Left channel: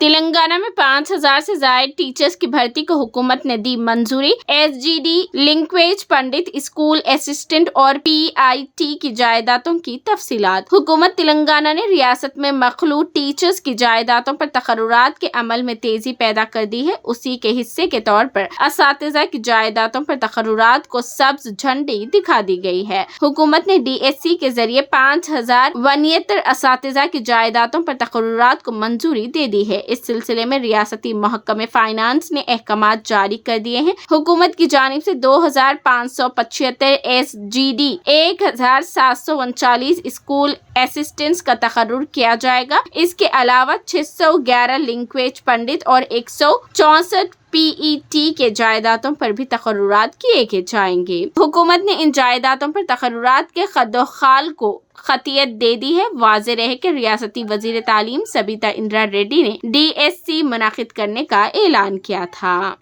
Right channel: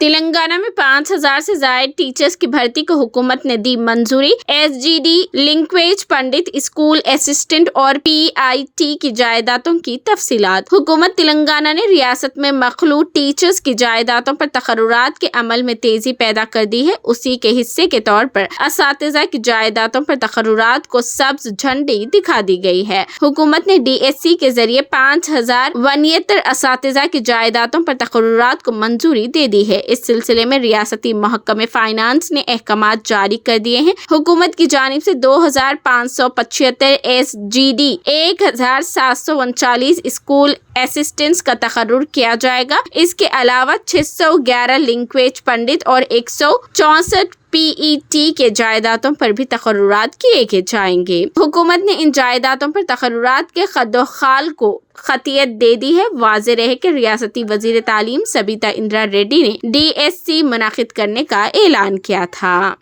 تلنگانہ میں 5,000 سے زائد ٹیچرز کی بھرتی کو حکومت نے دی منظوری۔ SGD language Pandit school assistant اور PIT کی جائیدادوں کی تفصیلات۔ حکومت تلنگانہ نے ریاست میں مخلوط ٹیچرز کی جائیدادوں پر تقررات کے عمل میں تیزی پیدا کر دی ہے۔ اسی کے حصے کے طور پر اساتذہ کی جائیدادوں پر تقررات کو سبز جھنڈی دکھا دی گئی ہے۔ حکومت نے DSC کے ذریعے 5,069 اساتذہ کی جائیدادوں پر تقررات کو منظوری دے دی ہے۔ اس سلسلے میں ریاستی محکمہ فائنانس نے احکامات جاری کر دیے ہیں۔ حکومت کی جانب سے 2,575 SGD 1,739 اسکول اسسٹنٹس کا تقرر کیا جائے گا۔ اس کے علاوہ 611 لینگویج پنڈت اور 164 PET کے جائیدادوں پر بھی تقررات کیے جائیں گے۔ حکومت نے ان جائیدادوں پر تقررات کے خدوخال کو قطعیت دے دی ہے۔ واضح رہے کہ ریاستی وزیر تعلیم سبیتا اندرا ریڈی نے DSC منعقد کرنے کا اعلان کیا تھا۔